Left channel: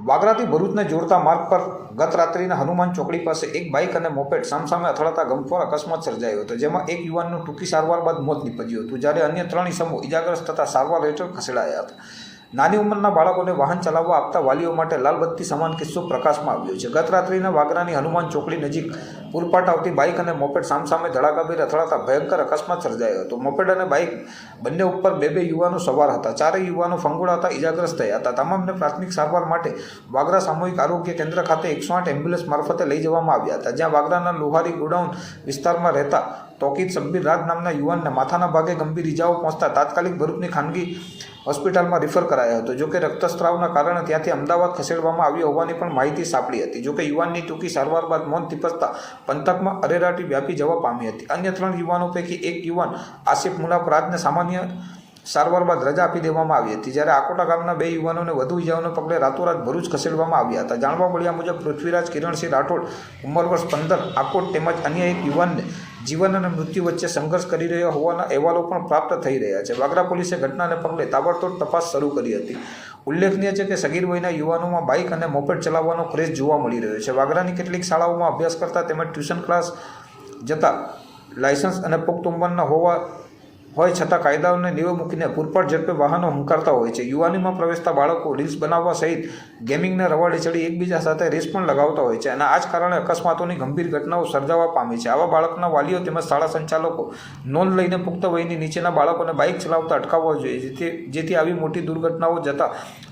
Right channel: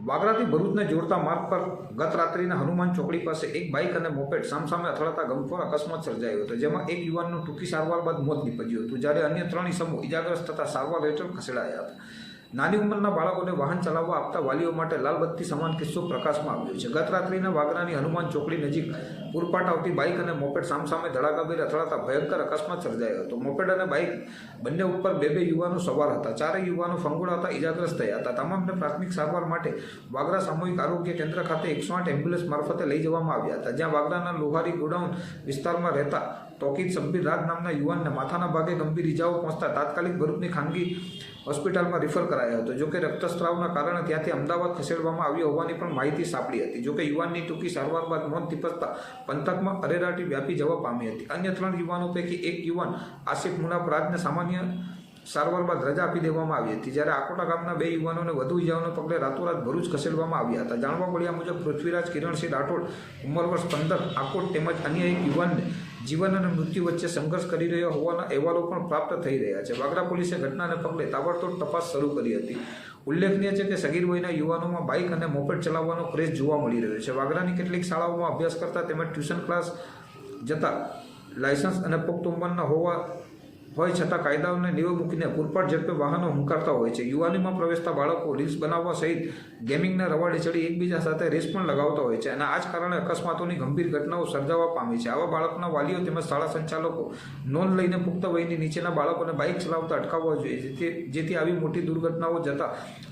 વાગરાથી ભરૂચને જોડતા માર્ગ પર ગત રાત્રિના હનુમાન ચોકડી પાસે એક બાઇક અને મોપેડ સામસામે અથડાતા ગમખ્વાર અકસ્માત સર્જાયો હતો, જેમાં એક યુવાનનું ટૂંકી સારવાર બાદ મોત નીપજ્યું હતું, જ્યારે અન્ય 3 ઇસમો ઇજાગ્રસ્ત થતા સારવાર હેઠળ ખસેડાયા હતા. નાની ઉંમરના બાળકોને વાહન ચલાવવા આપતા વાલીઓ માટે લાલબત્તી સમાન કિસ્સો પ્રકાશમાં આવ્યો છે. ગત રાત્રિના વાગરાની હનુમાન ચોકડી નજીક પૂરપાટ આવતી બાઇક અને મોપેડ સામસામે ધડાકાભેર અથડાતા ભયંકર અકસ્માત સર્જાયો હતો. મોપેડ અને બાઇક બંને ઉપર બે યુવાનો સવાર હતા. 4 યુવાનો ફંગોળાતા ઇજાગ્રસ્ત થયા હતા. તમામને પ્રાથમિક સારવાર માટે વાગરા સામૂહિક આરોગ્ય કેન્દ્ર ખાતે 108 એમ્બ્યુલન્સ મારફતે લઈ જવામાં આવ્યા હતા, જ્યાં વાગરાના લોહારી ગોડાઉન વિસ્તારમાં રહેતા તોકીદ સબ્બીર રાજ નામના યુવાનને માથાના ભાગે ગંભીર ઇજાઓ પહોંચતા તાત્કાલિક ભરૂચની ખાનગી હોસ્પિટલમાં રિફર કરાયો હતો. જોકે રક્તસ્રાવના કારણે ત્યાંથી અમદાવાદ ખસેડવામાં આવ્યો હોવાની પણ માહિતી સાંપડી હતી. જોકે યુવાનની ટૂંકી સારવાર બાદ મોત નીપજતા પંથકમાં અરેરાટી વ્યાપી જવા પામી હતી. અન્ય 3 યુવાનો પૈકી એક યુવાન આસિફ મુનાફ રાજને સામાન્ય સારવાર બાદ રજા આપી દેવામાં આવી હતી, જ્યારે આકોટા ગામના 2 યુવાનોને વધુ ઇજાઓને પગલે રાતોરાત ભરૂચ ખસેડવામાં આવ્યા હતા. જાણવા મળ્યા મુજબ પૃથ્વીરાજ કિરણસિંહ રાઠોડ ઉંમર વર્ષ 15 આકોટ તેમજ અન્ય એક યુવાનને જીવન અને મૃત્યુ વચ્ચે સંઘર્ષ કરી રહ્યો હોવાના અહેવાલો પણ પ્રાપ્ત થઈ રહ્યા છે. વાગરા પોલીસે ઘટનાને પગલે તાબડતોડ તપાસ શરૂ કરી હતી. ઉલ્લેખનીય છે કે સગીર વયના યુવાનોમાં બાઇક અને મોપેડ ચલાવવાનો ક્રેઝ જોવા મળી રહ્યો છે. વાગરાની કેટલીક શાળાઓમાં અભ્યાસ કરતા તેમજ ટ્યુશન ક્લાસ જતા લાયસન્સ અને પુખ્ત ઉંમરના હોય છતાં કાયદાઓને નીવે મૂકીને પૂરપાટ ઝડપે વાહનો હંકારતા હોય છે. યુવાનીમાં પ્રવેશતા બાળકો રીલ્સ બનાવવા સહિત ગેમિંગના રવાડે ચડી એકબીજા સાથે રેસ પણ લગાવતા હોય છે, અને આ જ કારણે અકસ્માતોની ગંભીર ઘટનાઓ સર્જાવા પામી છે. આવા બાળકના વાલીઓ તેમજ શાળા સંચાલકો નોંધ લઈને પુખ્ત વયની નીચેના બાળકોને બાઇક ચલાવતા અટકાવવા જોઈએ, જેથી આવી મોટી દુર્ઘટનાઓ જતાં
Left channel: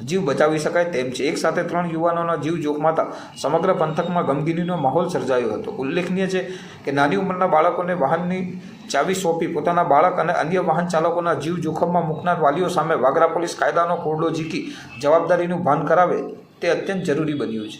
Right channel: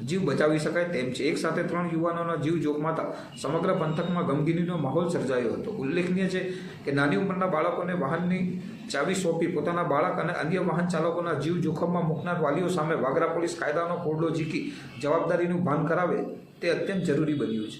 જીવ બચાવી શકાય તેમ છે. એક સાથે 3 યુવાનોના જીવ જોખમાતા સમગ્ર પંથકમાં ગમગીનીનો માહોલ સર્જાયો હતો. ઉલ્લેખનીય છે કે નાની ઉંમરના બાળકોને વાહનની ચાવી સોંપી પોતાના બાળક અને અન્ય વાહન ચાલકોના જીવ જોખમમાં મૂકનાર વાલીઓ સામે વાગરા પોલીસ કાયદાનો કોરડો ઝીકી જવાબદારીનું ભાન કરાવે તે અત્યંત જરૂરી બન્યું છે.